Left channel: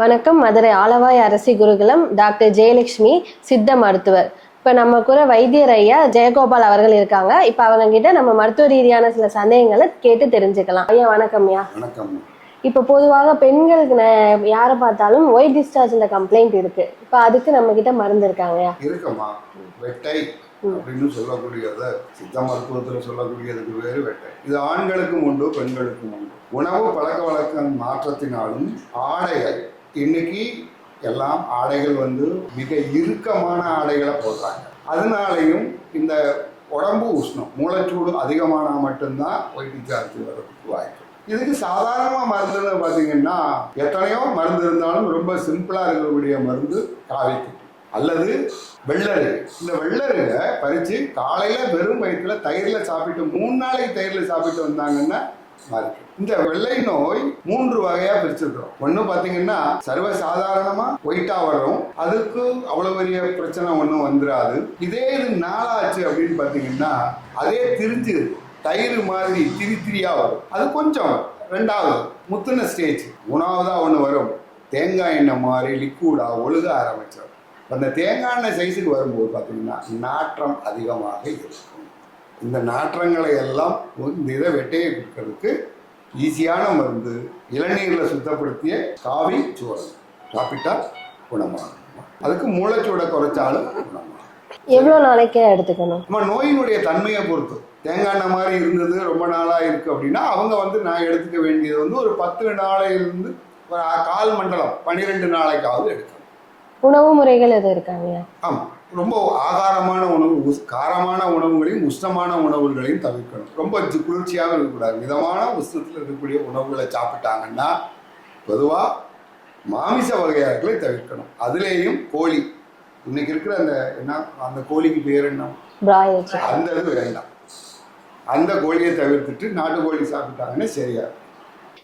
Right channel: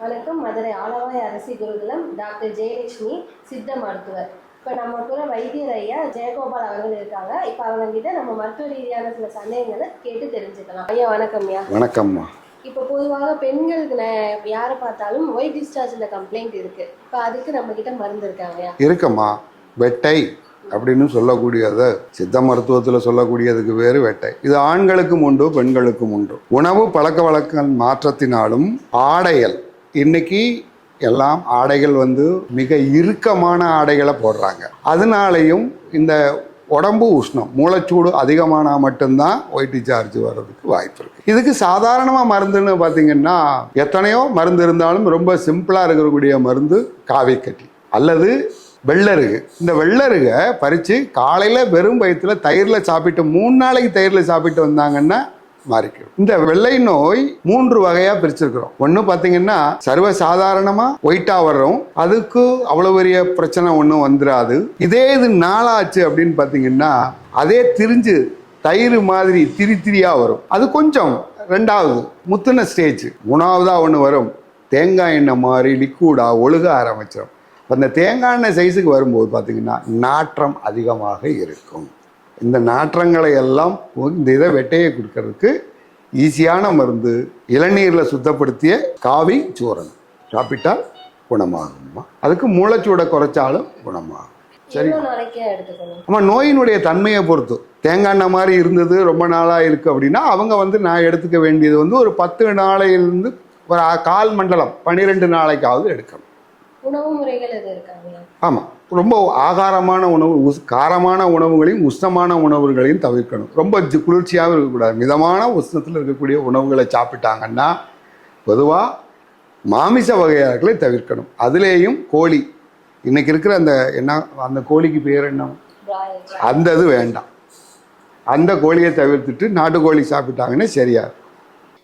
வணக்கம். மதுரை ஆலவாய் அரசி குருகுலம் டாக்டர் ஜெயலட்சுமி சித்த மருத்துவர். இப்போ நம்ம கூட வைத்தியர் ஐயா ஜெயகோபால் அவர்கள் இருக்காங்க. இப்போ அவங்க கிட்ட நம்ம மருத்துவ ரீதியான சில சந்தேகங்களை கேட்டு தெரிஞ்சுக்கலாம். ஐயா வணக்கம். ஐயா வணக்கம்மா. இப்போ பொதுவாக பெண்களுக்கு யாரை பார்த்தாலும் ஒயிட் டிஸ்சார்ஜில் கம்ப்ளைண்ட் இருக்கு. இப்போ அதுக்கு நம்ம கிட்ட மருந்து இருக்காங்க இருக்கம்மா. வெட்டை அப்படின்னு சொல்லக்கூடியது சித்த மருத்துவத்தில் சொல்லக்கூடியதுக்கு வேறு வெட்டை. இது ஆண்களுக்கும் உண்டு, பெண்களுக்கும் உண்டு. உணவு பழக்க வழக்க மாற்றத்தினாலும் ஆடைகள், இன்னைக்கு எல்லாம் ஆடைகள் மிக இறுக்கமான ஆடைகளை போடுறாங்க. அதனாலையும் இந்த உடம்பு உஷ்ணம், மூளைச்சூடு அதிகமானால் மட்டும்தான் ஒயிட் டிஸ்சார்ஜ் வர்றதுக்கு வாய்ப்பு இருக்கு. இதுக்கு சாதாரணமாக மருந்துன்னு பார்த்தீங்கன்னா எத்தனையோ மருந்து இருந்தாலும் ரொம்ப சிம்பிளாக இருக்கக்கூடிய மருந்து காவிக்கட்டி அல்லது வெள்ளருகு. இந்த வெள்ளருகை பறித்து காலையில் வெறும் வயிற்றுல தயிரில் சாப்பிட்டு 3 நாளைக்கு தயிரில் சாப்பிட்டு வந்தாங்கன்னா மாறிக்கும். இந்த வெள்ளை நோய் 3 வகையாக பிரிச்சிருக்கிறோம். ஒன்று பார்த்தீங்கன்னா சர்வசாதாரணமாக ஒயிட்டாக வர்றோம், அதுக்கு அவ்வளோ பெரிய பிரச்சனை ஒன்றும் வந்துடாது. இதே இது நாளாச்சு அப்படின்னு பார்த்தீங்கன்னா அதே திரிஞ்சு தயிர் மாதிரி திரியாக வரும். அது கொஞ்சம் 2வது முத்துன ஸ்டேஜ். 3வதாக ஒன்று வரும், தேங்காய் எண்ணெய் மாதிரி லிக்விடாக ஒழுக ஆரம்பிச்சிடும். அந்த தேங்காய் எண்ணெய் சைஸுக்கு வரும்போது பார்த்தீங்கன்னா நாற்றம் அதிகமாக இருக்கும். இந்த நாற்றங்களை எல்லாம் இந்த இதை வெட்டையை கொடுக்கறதுக்கு ஈஸியான மருந்து இளநீரில் சுத்தப்படுத்திய காவி சூரணம் சாப்பிட்டா குணமாகும்மா. அதுக்கு மூளைச்சூடை குறைச்சாலும் குணமாகும். எவ்வளோ நாளைக்கே எடுத்துக்கணும்? நம்ம நோயினுடைய தன்மையை பொறுத்து. தேங்காய் எண்ணெய் மாதிரி இருந்தது ரொம்ப நாளாக இருக்குது அப்படின்னா அவங்க நான் எடுத்துக்க வேண்டியது ஒரு 10 நாளையிலிருந்து ஒரு 1/4 மண்டலம் 12 நாளைக்காவது எடுக்கணும். உணவு முறைகள் எது இருக்காங்க? ஆமாம், ரொம்ப ஆகாரமான உணவு, காரமான உணவுகளையும் உஷ்ணமான உணவுகளையும் தவிர்க்கணும். ரொம்ப குளிர்ச்சியாக இருக்கக்கூடாது. மிதமான உஷ்ணத்தில் இருக்கக்கூடிய உணவுகளை சாப்பிட்டாங்கன்னா பொதுவாக மாமிச வகையார்களை தவிர்க்கணும். அதுலேயும் கோழி, இன்னைக்கு இருக்கிற அந்த கோழிக்கு பேர் என்ன, அந்த இது வேண்டாம். அந்த கோழியை தவிர்த்துட்டு நாட்டுக்கோழி சாப்பிட்டாங்கன்னா சரியா.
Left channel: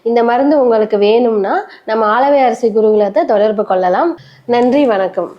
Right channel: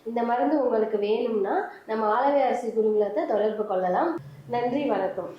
இந்த மருந்து உங்களுக்கு வேணும்னா நம்ம ஆலவாய் அரசி குருகுலத்தை தொடர்பு கொள்ளலாம். நன்றி, வணக்கம்.